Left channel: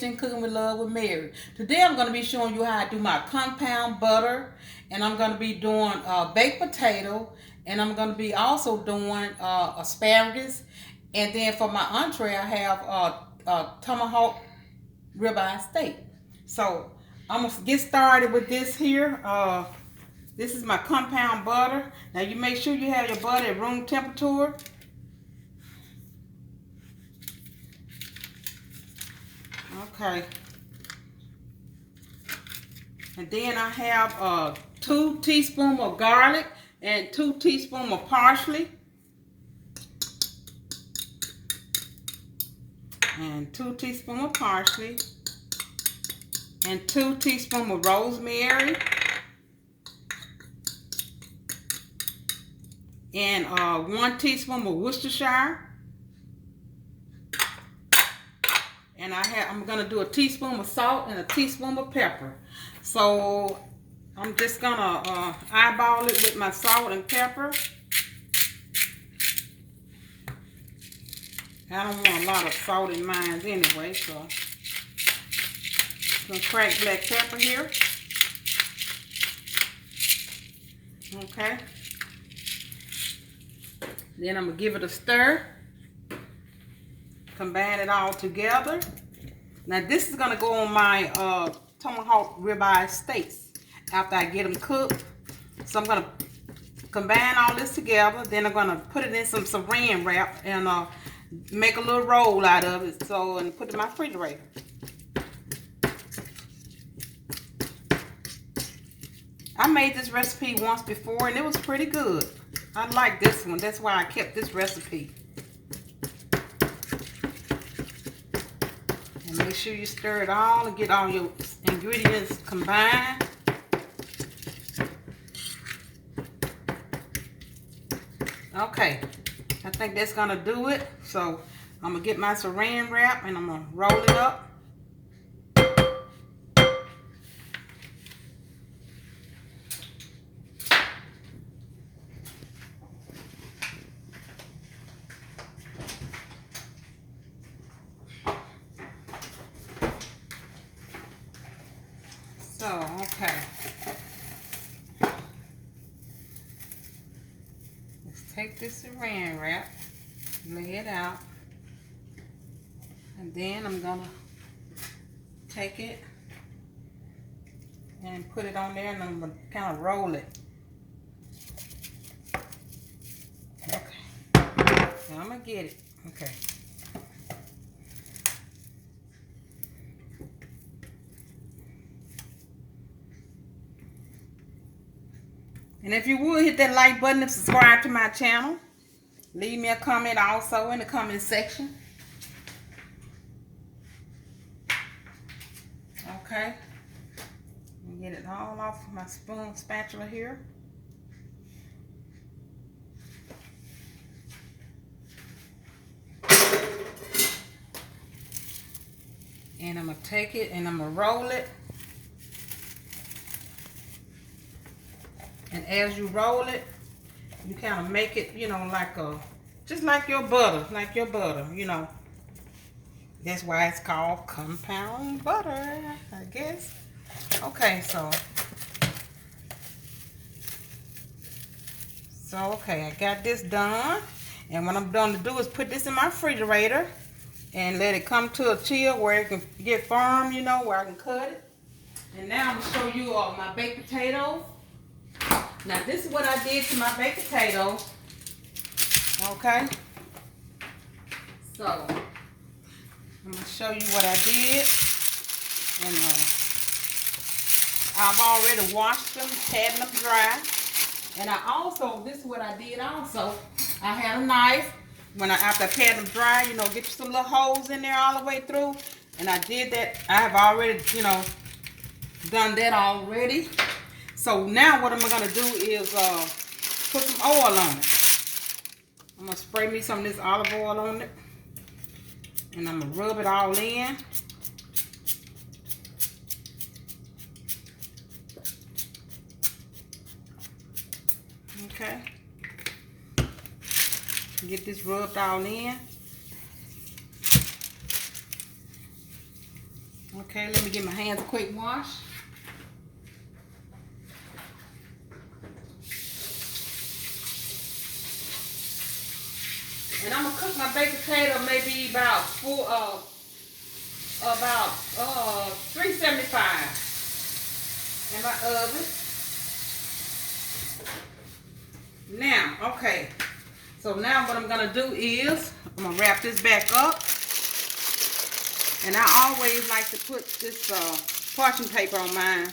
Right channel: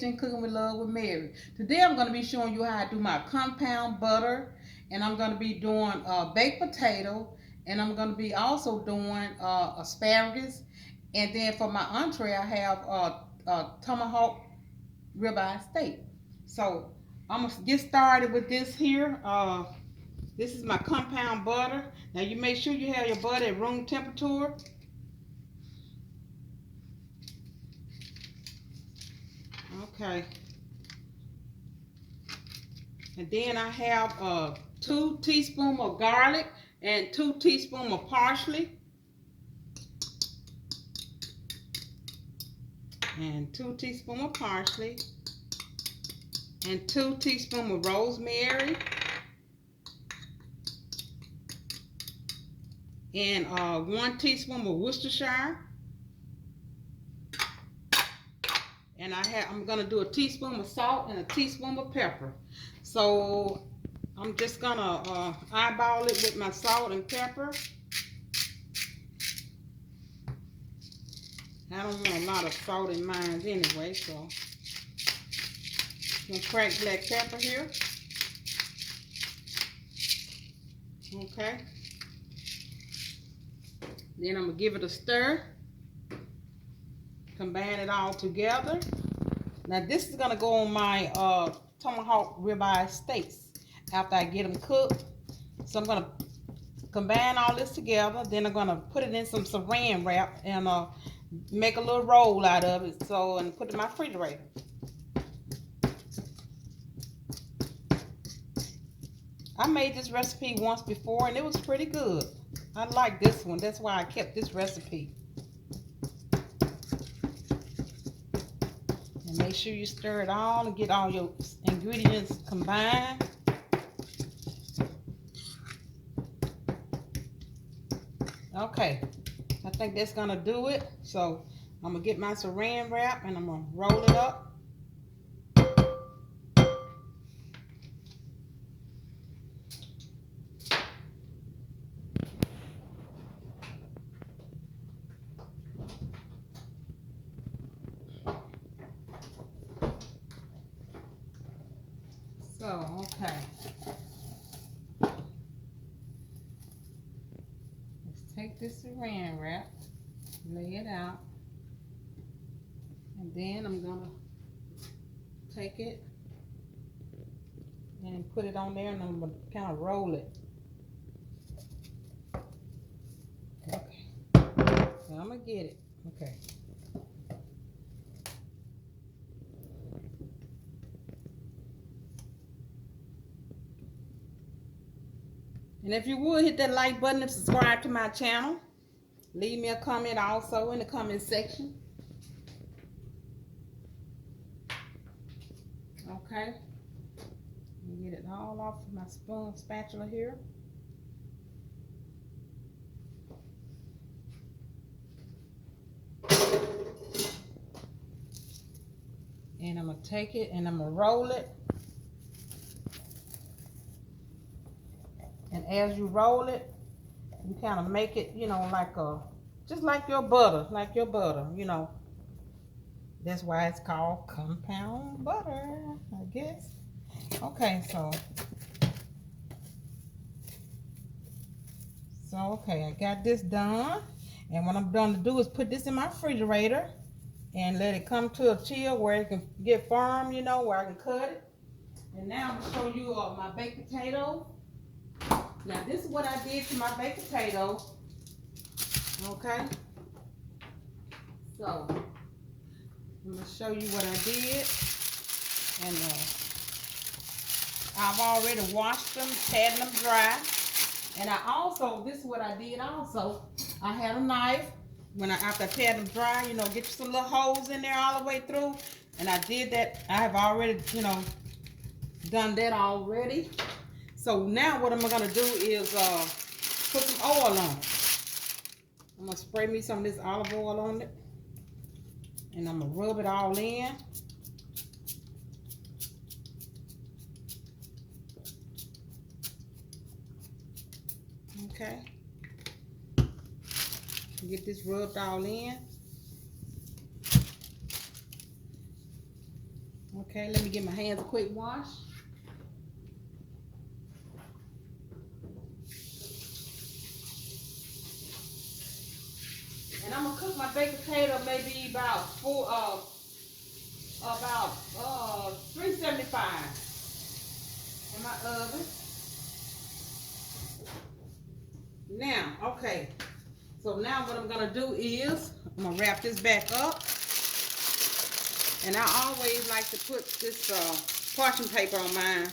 Kitchen, Cooking with Love with Mary. Today I'm going to be showing you how I do my compound butter, and I'm going to be doing baked potato, and I'm going to be also doing asparagus, and then for my entree I have Tomahawk Ribeye steak. So I'm going to get started with this here. This is my compound butter. Now you make sure you have your butter at room temperature. Okay. And then I have 2 teaspoons of garlic and 2 teaspoons of parsley. And 2 teaspoons of parsley. And 2 teaspoons of rosemary. And 1 teaspoon of worcestershire. And I'm gonna do a teaspoon of salt and a teaspoon of pepper. So I'm just gonna eyeball it with my salt and pepper. I don't want a lot of salt in mine anyway, so some cracked black pepper here. Okay. Then I'm gonna give it a stir. Combine it all together. Now this is gonna go on my Tomahawk Ribeye steaks after I get them cooked. So I'm gonna combine all this together. Then I'm gonna put it in some saran wrap and make a little roll out of it. And put it in my refrigerator. I made this recipe once before and it was pretty good. I like this one. That's why I kept this recipe. And make sure you stir it all and get all your ingredients combined. Okay, I think that's gonna do it. So I'm gonna get my saran wrap and I'm gonna roll it up. So, okay. Let's take this saran wrap, lay it out, and then I'm gonna take it and put it on there and I'm gonna kind of roll it. Okay. So I'm gonna get it. Okay. And if you would, hit that like button and subscribe to my channel. Leave me a comment also in the comment section. Okay. Get it all off of my spatula here. And I'm going to take it and I'm going to roll it. And as you roll it, you kind of make it, you know, like just like your butter, you know. That's why it's called compound butter, I guess. Okay, okay, I got this done. And what I'm going to do is put this in my refrigerator and let it come to a chill where it can get firm, you know, where I can cut it. And now I'm going to show you my baked potatoes. Now this is what I did to my baked potato. Okay. So I'm gonna show you what I did. And I've already washed them, patted them dry. And I also, this is what I did also. I had a knife. After I patted them dry, you know, get you some little holes in there all the way through. And I did that. I have already, you know, done that already. So now what I'm going to do is put some oil on it. I'm going to spray me some of this olive oil on it. And I'm going to rub it all in. Okay. Get this rubbed all in. Okay, let me give my hands a quick wash. And I'm gonna cook my baked potato maybe about 375 in my oven. Now, okay. So now what I'm gonna do is I'm gonna wrap this back up. And I always like to put this parchment paper on mine,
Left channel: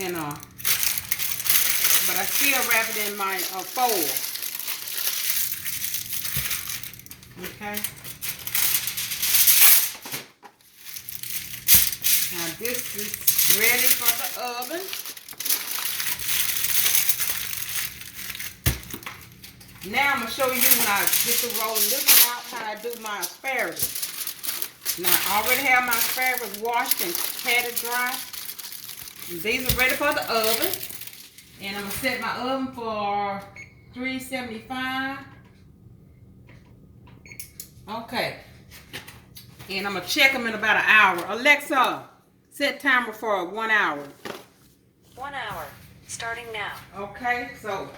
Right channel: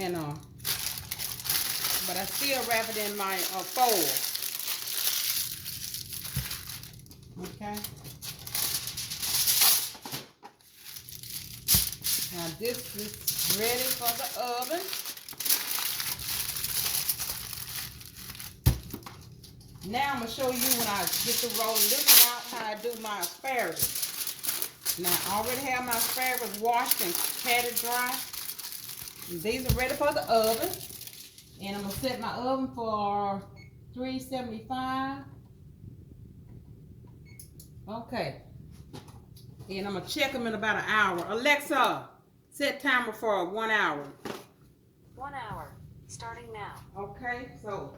and but I still wrap it in my foil. Okay. Now this is ready for the oven. Now I'm gonna show you when I get to rolling this one out how I do my asparagus. Now, I already have my asparagus washed and patted dry. These are ready for the oven. And I'm going to set my oven for 375. Okay. And I'm going to check them in about an hour. Alexa, set timer for 1 hour. 1 hour, starting now. Okay, so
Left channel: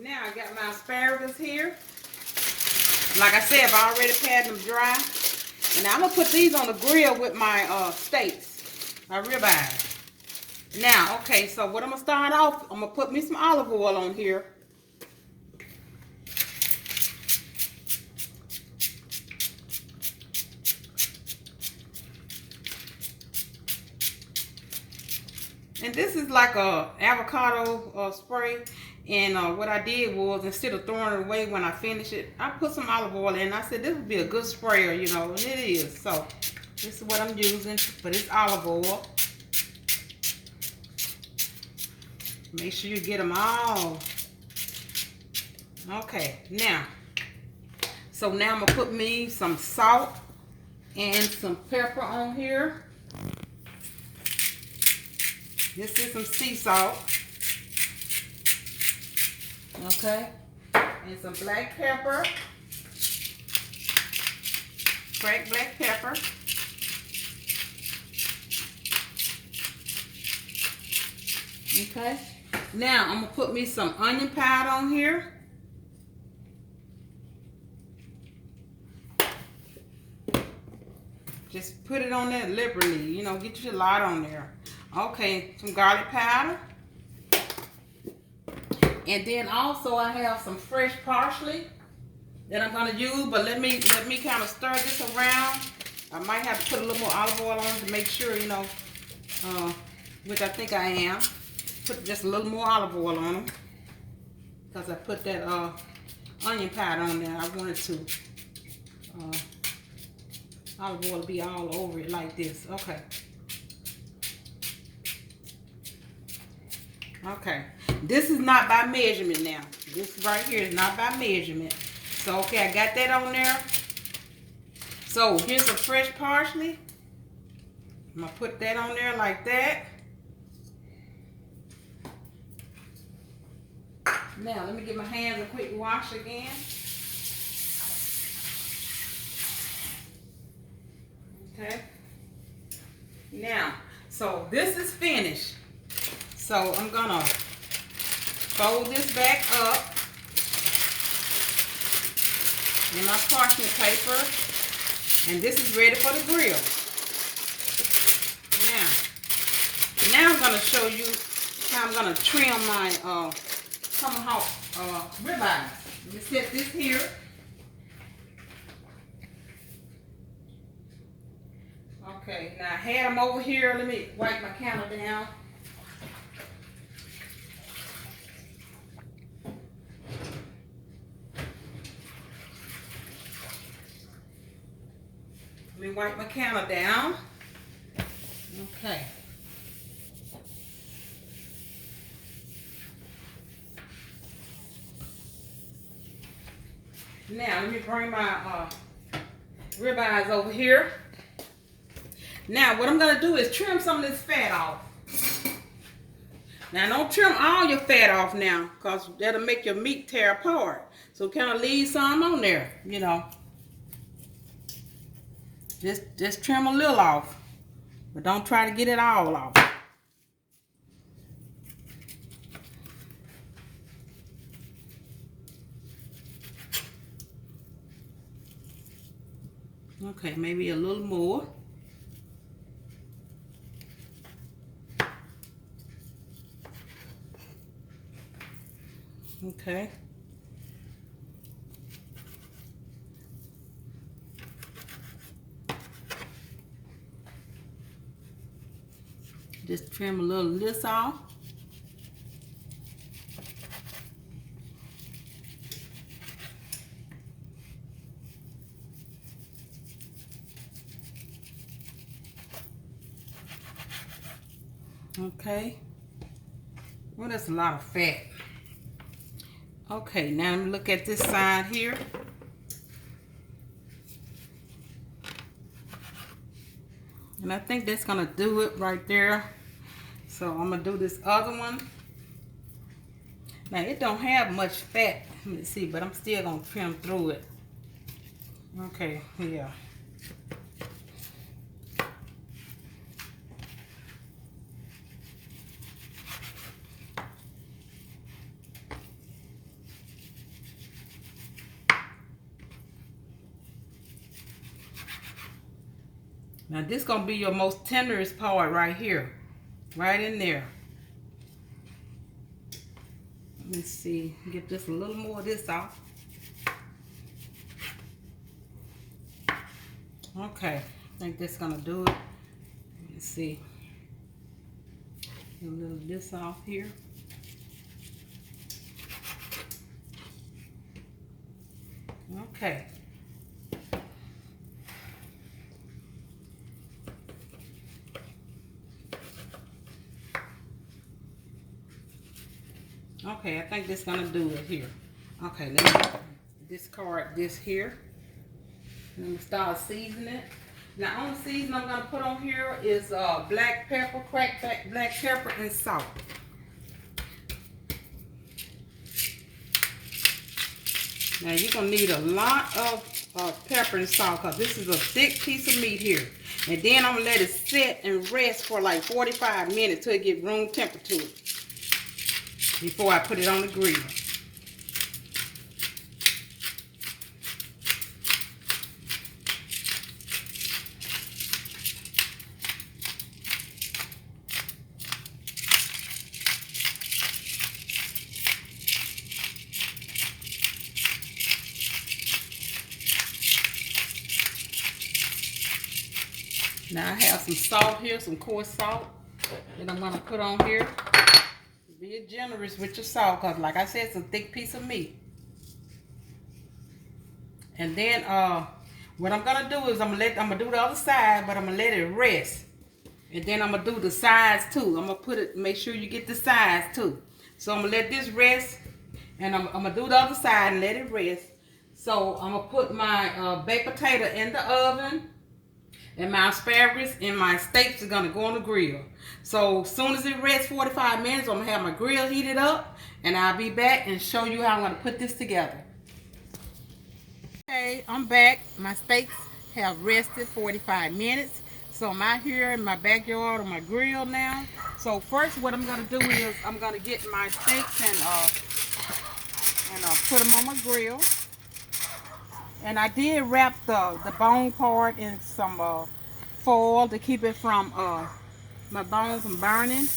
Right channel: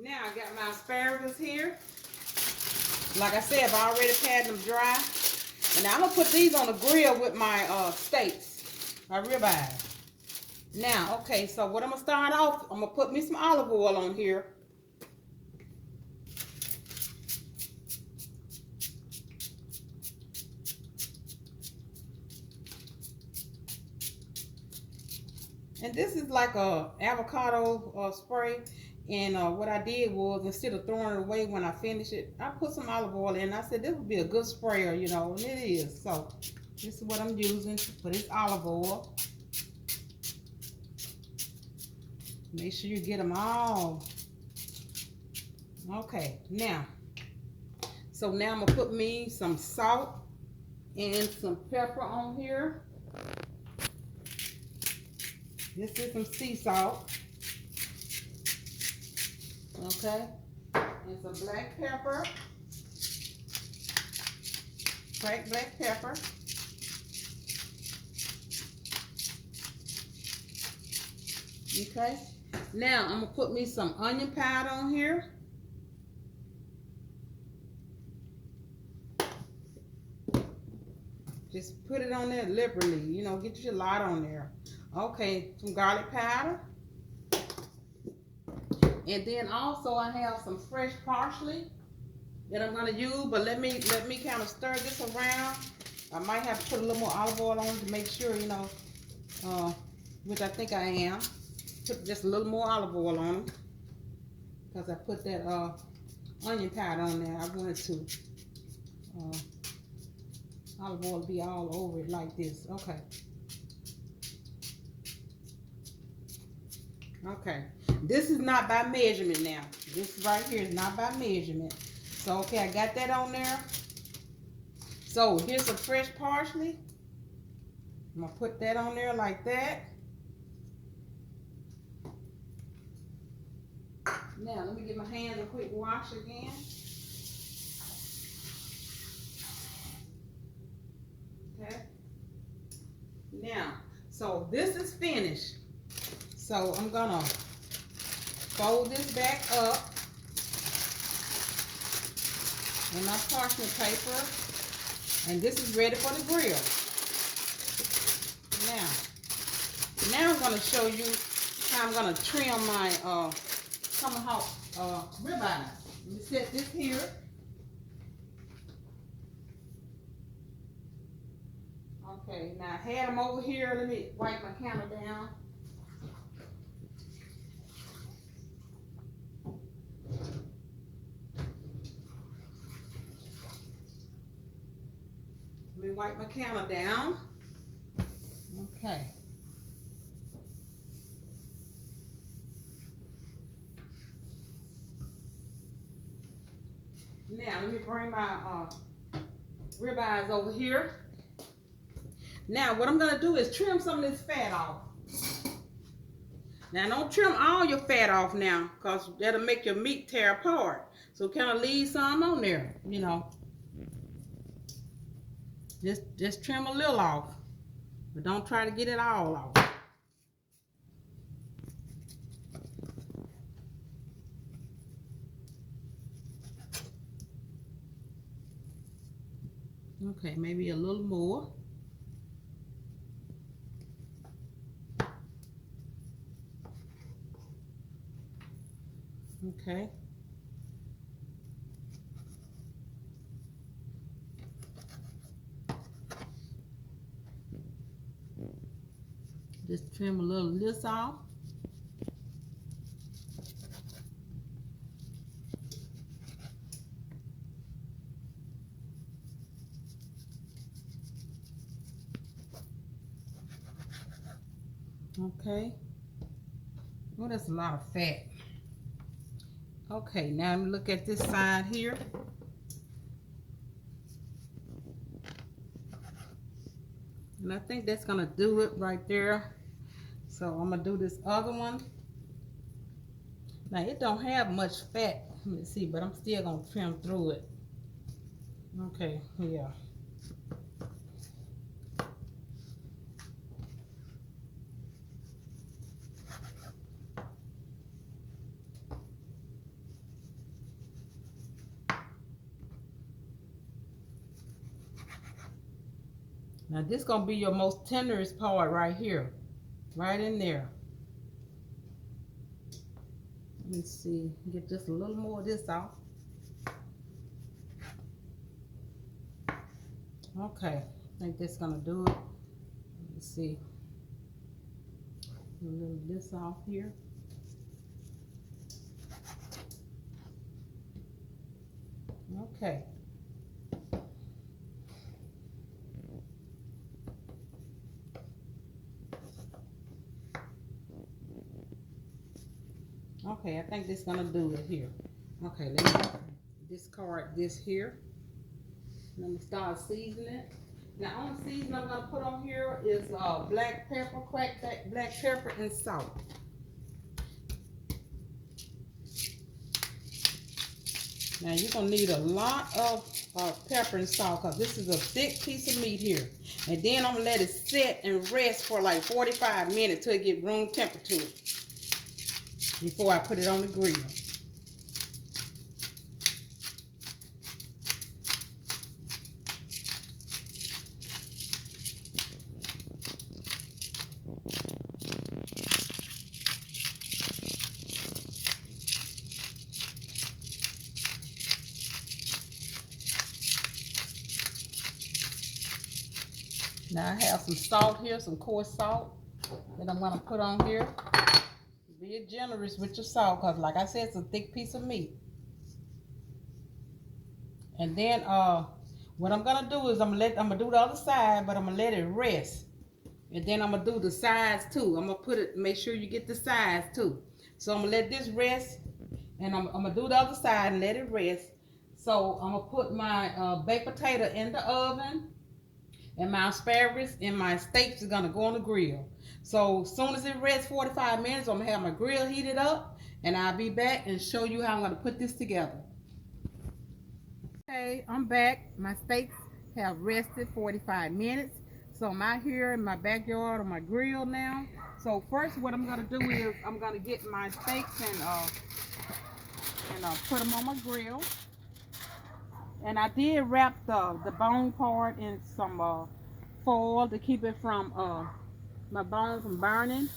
now I got my asparagus here. Like I said, I've already patted them dry. And now I'm going to put these on the grill with my steaks, my ribeye. Now, okay, so what I'm going to start off, I'm going to put me some olive oil on here. And this is like a avocado spray. And what I did was, instead of throwing it away when I finish it, I put some olive oil in. I said this would be a good sprayer, you know, and it is. So this is what I'm using for this olive oil. Make sure you get them all. Okay, now. So now I'm going to put me some salt and some pepper on here. This is some sea salt. Okay, and some black pepper, cracked black pepper. Okay, now I'm gonna put me some onion powder on here. Just put it on there liberally, you know, get your lot on there. Okay, some garlic powder. And then also I have some fresh parsley that I'm gonna use, but let me kind of stir this around. I might have to put a little more olive oil on it to make sure, you know, which I think I am. Put just a little more olive oil on them because I put that onion powder on there. I wanted to olive oil be all over it like this. Okay. Okay, this is not by measurement now. This right here is not by measurement. So, okay, I got that on there. So, here's some fresh parsley. I'm going to put that on there like that. Now, let me get my hands a quick wash again. Okay. Now, so this is finished. So I'm gonna fold this back up in my parchment paper, and this is ready for the grill. Now I'm gonna show you how I'm gonna trim my Tomahawk ribeye. Let me set this here. Okay, now I had them over here. Let me wipe my counter down. Let me wipe my counter down. Okay. Now let me bring my ribeyes over here. Now what I'm gonna do is trim some of this fat off. Now don't trim all your fat off now, because that'll make your meat tear apart. So kind of leave some on there, you know. Just trim a little off, but don't try to get it all off. Okay, maybe a little more. Okay. Just trim a little of this off. Okay. Well, that's a lot of fat. Okay, now look at this side here. And I think that's gonna do it right there. So I'm gonna do this other one. Now it don't have much fat, let me see, but I'm still gonna trim through it. Okay, yeah. Now this gonna be your most tenderest part right here, right in there. Let me see, get just a little more of this off. Okay, I think this gonna do it. Let me see, get a little of this off here. Okay. Okay, I think this is gonna do it here. Okay, let me discard this here. Let me start seasoning it. Now, only season I'm gonna put on here is black pepper, cracked black pepper, and salt. Now you're gonna need a lot of pepper and salt because this is a thick piece of meat here. And then I'm gonna let it sit and rest for like 45 minutes till it get room temperature before I put it on the grill. Now I have some salt here, some coarse salt that I'm gonna put on here. Be generous with your salt, cause like I said, it's a thick piece of meat. And then what I'm gonna do is I'm gonna do the other side, but I'm gonna let it rest. And then I'm gonna do the sides too. I'm gonna put it, make sure you get the sides too. So I'm gonna let this rest, and I'm gonna do the other side and let it rest. So I'm gonna put my baked potato in the oven, and my asparagus and my steaks are gonna go on the grill. So as soon as it rests 45 minutes, I'm gonna have my grill heated up, and I'll be back and show you how I'm gonna put this together. Okay, I'm back. My steaks have rested 45 minutes. So I'm out here in my backyard on my grill now. So first what I'm gonna do is I'm gonna get my steaks and put them on my grill. And I did wrap the bone part in some foil to keep it from my bones from burning.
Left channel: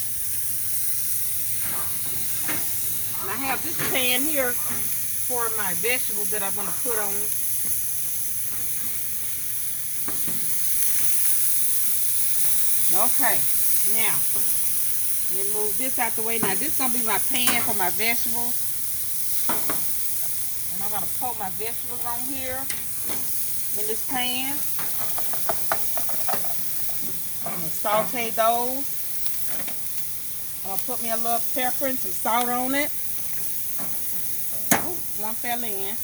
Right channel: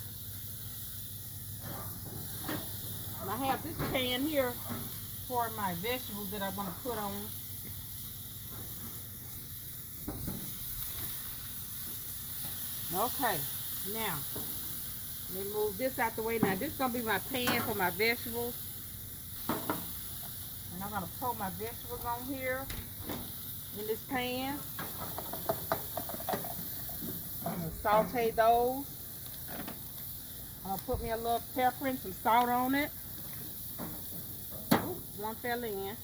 And I have this pan here for my vegetables that I'm going to put on. Okay, now let me move this out the way. Now this is going to be my pan for my vegetables. And I'm going to put my vegetables on here in this pan. I'm going to saute those. I'm going to put me a little pepper and some salt on it. Oops, one fell in.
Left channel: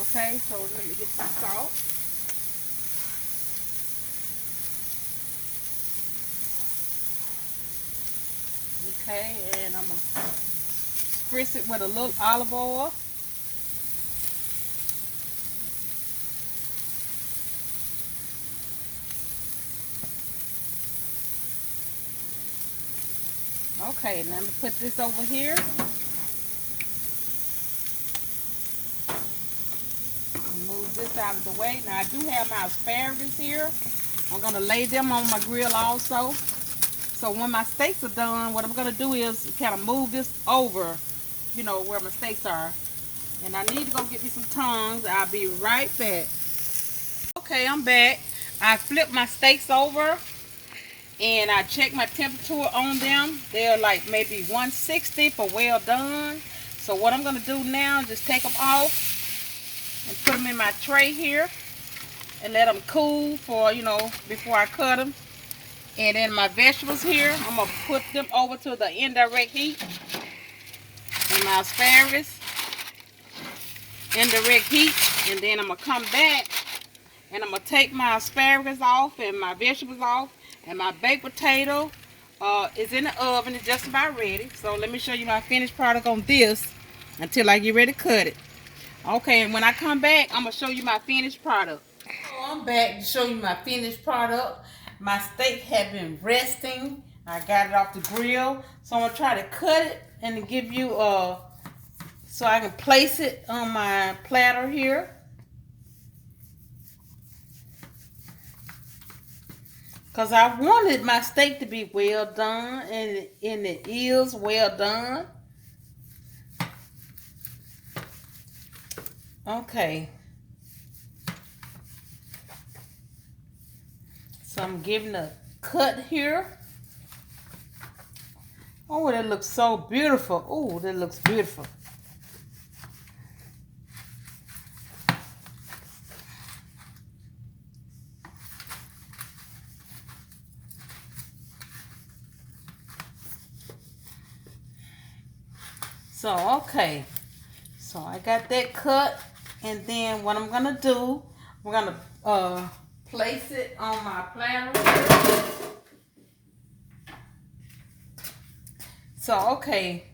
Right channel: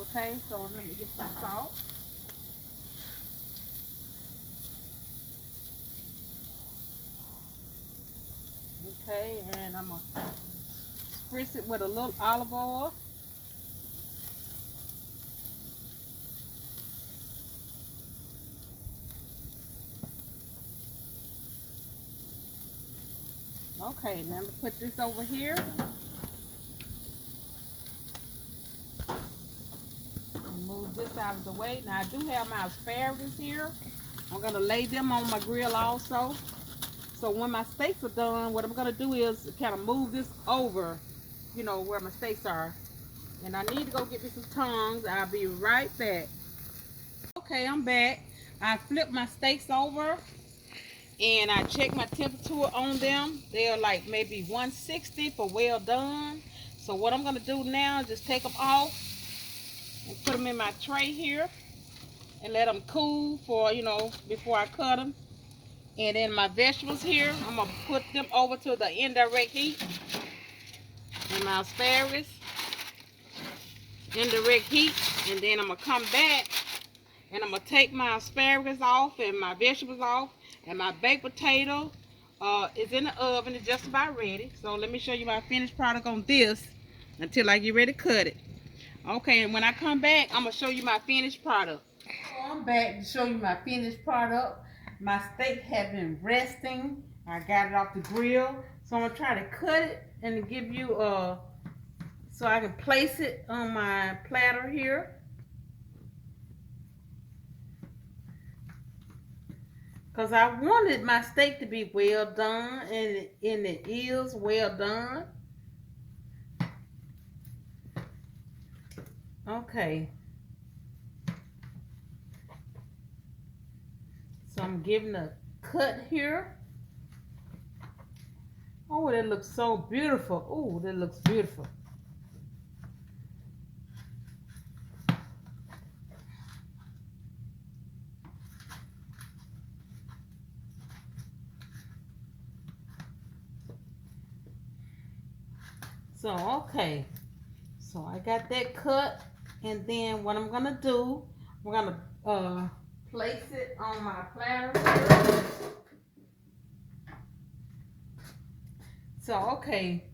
Okay, so let me get some salt. Okay, and I'm gonna spritz it with a little olive oil. Okay, now I'm gonna put this over here. Move this out of the way. Now I do have my asparagus here. I'm gonna lay them on my grill also. So when my steaks are done, what I'm gonna do is kind of move this over, you know, where my steaks are. And I need to go get me some tongs. I'll be right back. Okay, I'm back. I flipped my steaks over and I checked my temperature on them. They're like maybe 160 for well done. So what I'm gonna do now is just take them off and put them in my tray here and let them cool for, you know, before I cut them. And then my vegetables here, I'm gonna put them over to the indirect heat. And my asparagus, indirect heat. And then I'm gonna come back and I'm gonna take my asparagus off and my vegetables off. And my baked potato is in the oven. It's just about ready. So let me show you my finished product on this until I get ready to cut it. Okay, and when I come back, I'm gonna show you my finished product. So I'm back to show you my finished product. My steak had been resting. I got it off the grill. So I'm gonna try to cut it and to give you so I can place it on my platter here. Because I wanted my steak to be well done, and it is well done. Okay. So I'm giving a cut here. Oh, that looks so beautiful. Oh, that looks beautiful. So, okay. So I got that cut. And then what I'm gonna do, we're gonna place it on my platter. So, okay.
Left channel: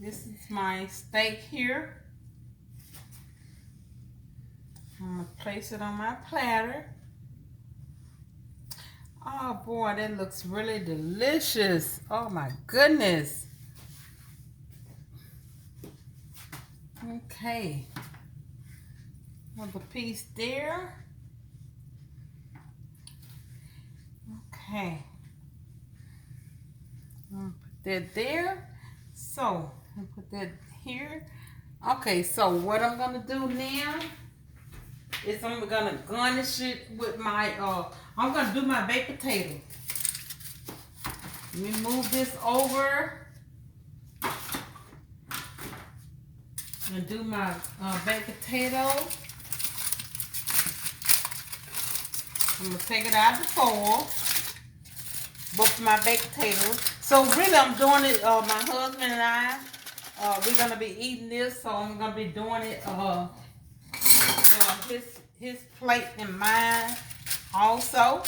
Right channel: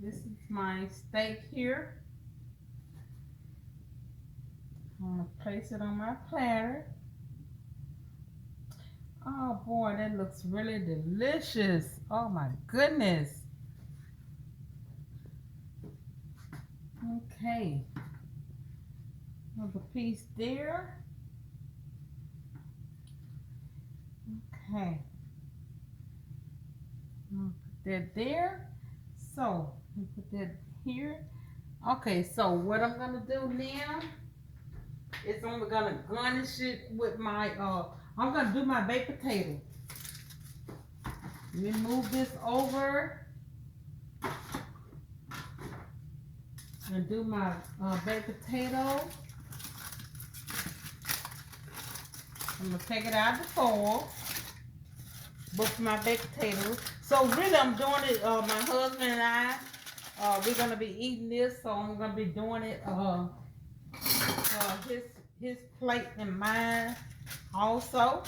This is my steak here. I'm gonna place it on my platter. Oh boy, that looks really delicious. Oh my goodness. Okay. Another piece there. Okay. I'm gonna put that there. So, I'm gonna put that here. Okay, so what I'm gonna do now is I'm gonna garnish it with my I'm gonna do my baked potato. Let me move this over and do my baked potato. I'm gonna take it out of the foil, both my baked potatoes. So really, I'm doing it. My husband and I, we're gonna be eating this, so I'm gonna be doing it his plate and mine also.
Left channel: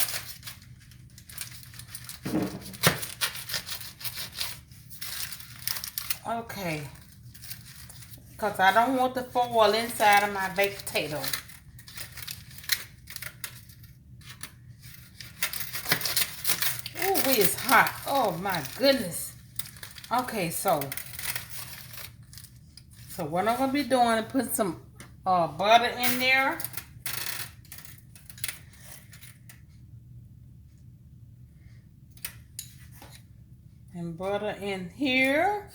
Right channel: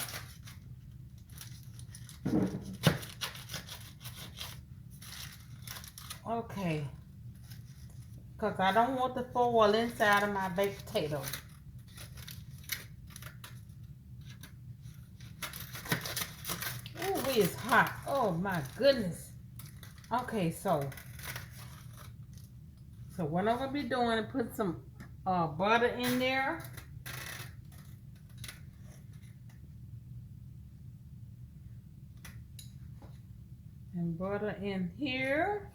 Okay, because I don't want the foil inside of my baked potato. Oh, it is hot. Oh my goodness. Okay, so what I'm gonna be doing is put some butter in there. And butter in here.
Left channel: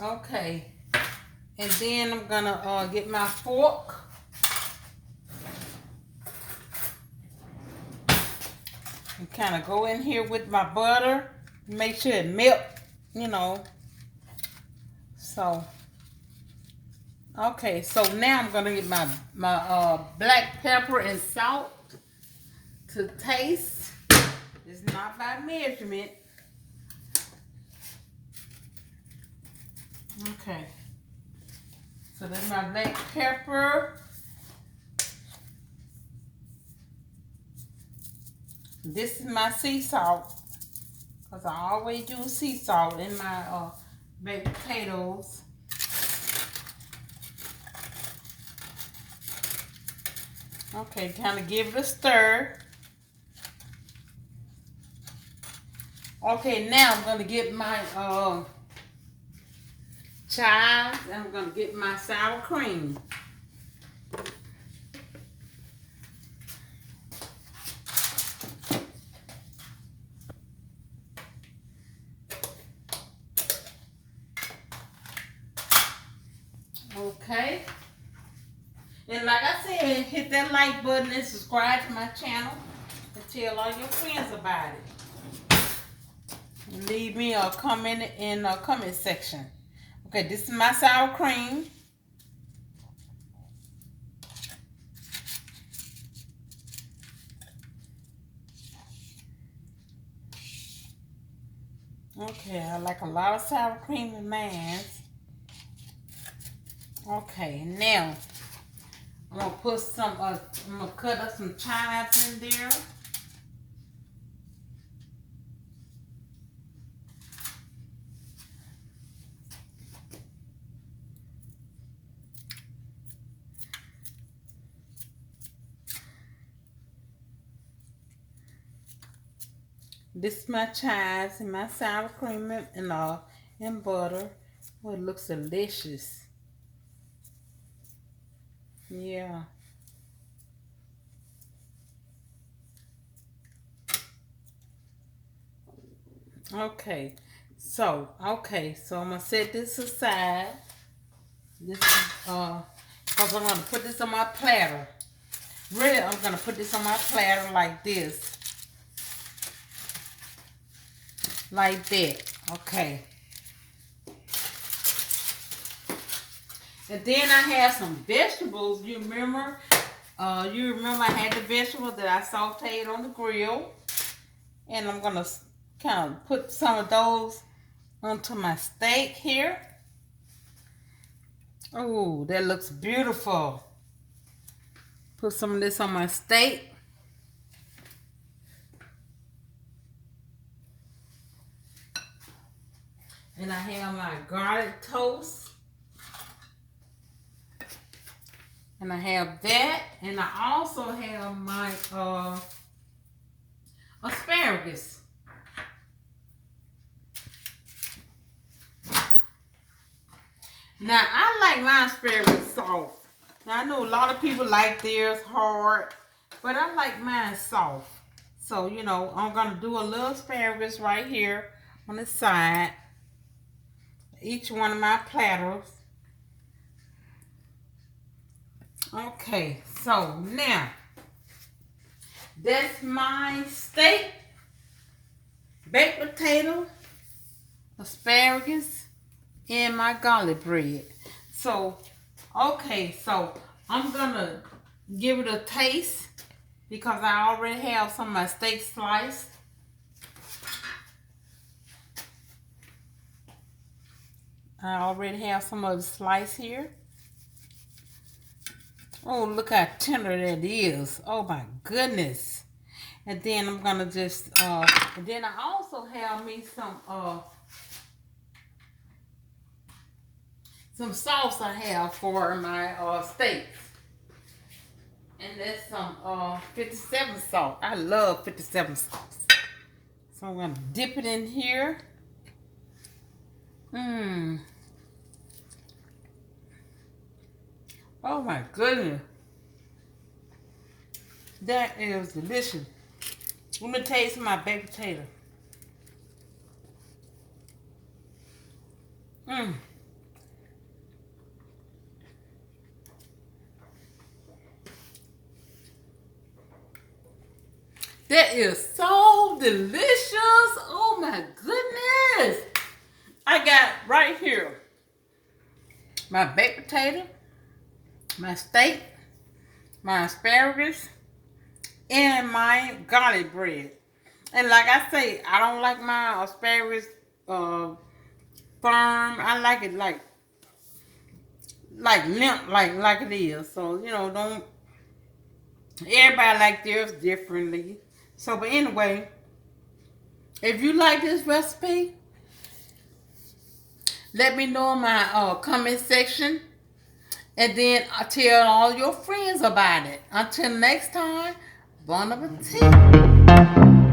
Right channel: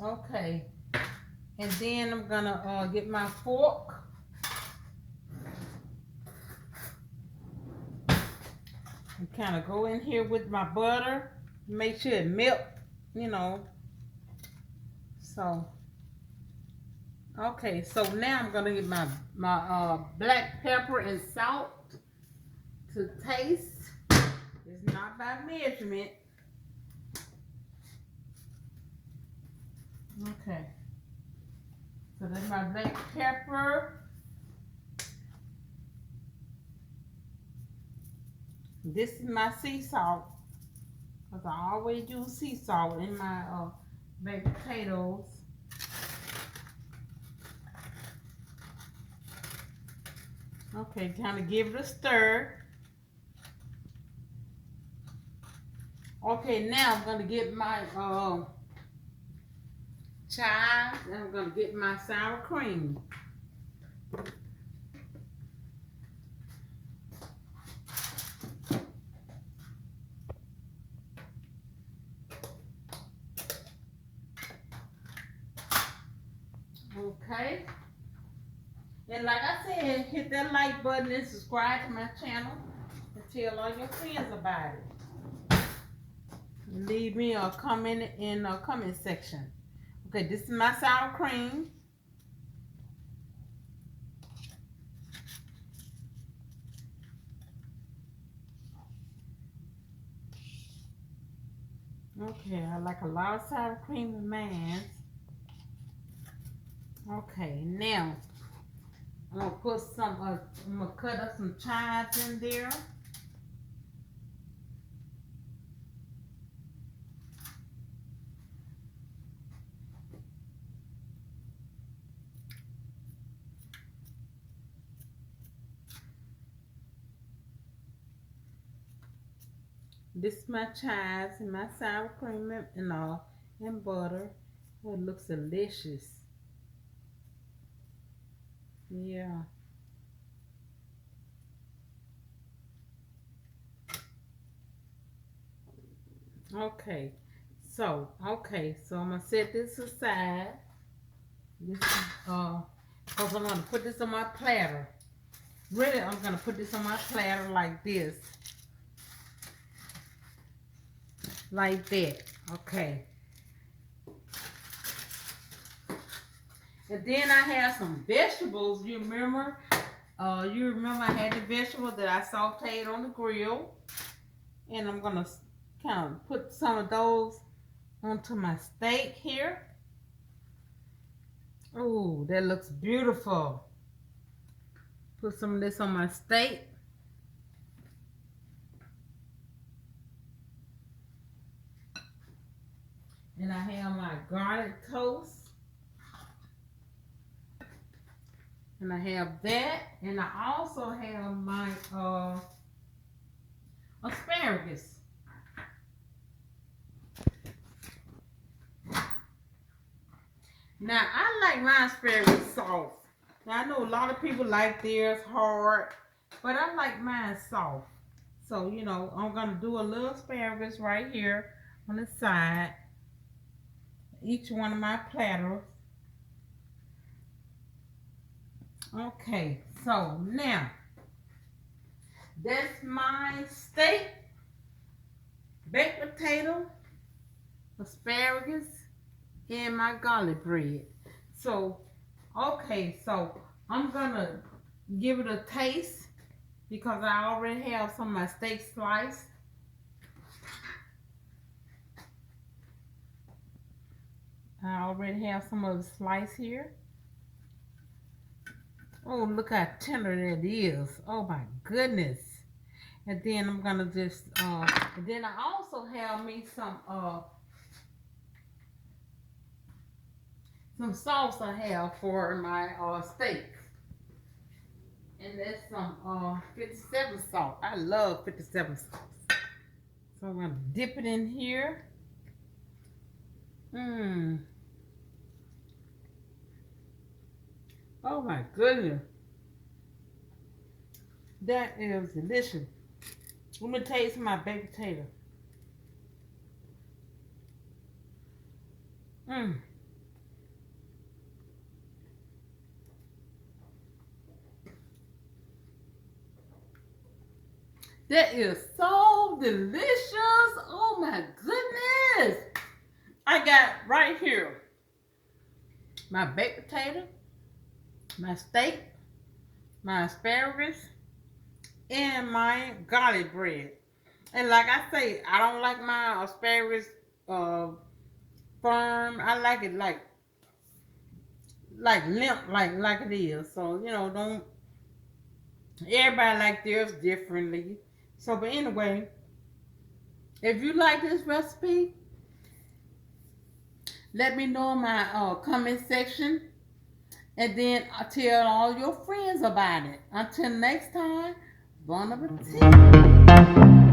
Okay. And then I'm gonna get my fork. And kind of go in here with my butter. Make sure it melt, you know. So, okay, so now I'm gonna get my black pepper and salt to taste. It's not by measurement. Okay. So that's my black pepper. This is my sea salt. because I always use sea salt in my baked potatoes. Okay, kind of give it a stir. Okay, now I'm going to get my chives, and I'm going to get my sour cream. Okay. And like I said, hit that like button and subscribe to my channel and tell all your friends about it. And leave me a comment in the comment section. Okay, this is my sour cream. Okay, I like a lot of sour cream in mine. Okay, now I'm gonna put some. I'm gonna cut up some chives in there. This is my chives and my sour cream and butter. Oh, it looks delicious. Yeah. Okay. So I'm gonna set this aside. This is because I'm gonna put this on my platter. Really, I'm gonna put this on my platter like this. Like that. Okay. And then I have some vegetables. You remember I had the vegetables that I sauteed on the grill. And I'm gonna kind of put some of those onto my steak here. Oh, that looks beautiful. Put some of this on my steak. And I have my garlic toast. And I have that. And I also have my asparagus. Now, I like my asparagus soft. Now, I know a lot of people like theirs hard, but I like mine soft. So, you know, I'm going to do a little asparagus right here on the side. Each one of my platters. Okay, so now, that's my steak, baked potato, asparagus, and my garlic bread. So, okay, so I'm gonna give it a taste because I already have some of my steak sliced. I already have some of the slice here. Oh, look how tender that is. Oh my goodness. And then I'm gonna just and then I also have me some sauce I have for my steaks. And that's some 57 salt. I love 57 sauce. So I'm gonna dip it in here. Oh my goodness. That is delicious. Let me taste my baked potato. That is so delicious. Oh my goodness. I got right here my baked potato, my steak, my asparagus, and my garlic bread. And like I say, I don't like my asparagus firm. I like it like limp, like it is. So, you know, don't everybody like theirs differently. So, but anyway, If you like this recipe, let me know in my comment section. And then tell all your friends about it. Until next time, bon appetit.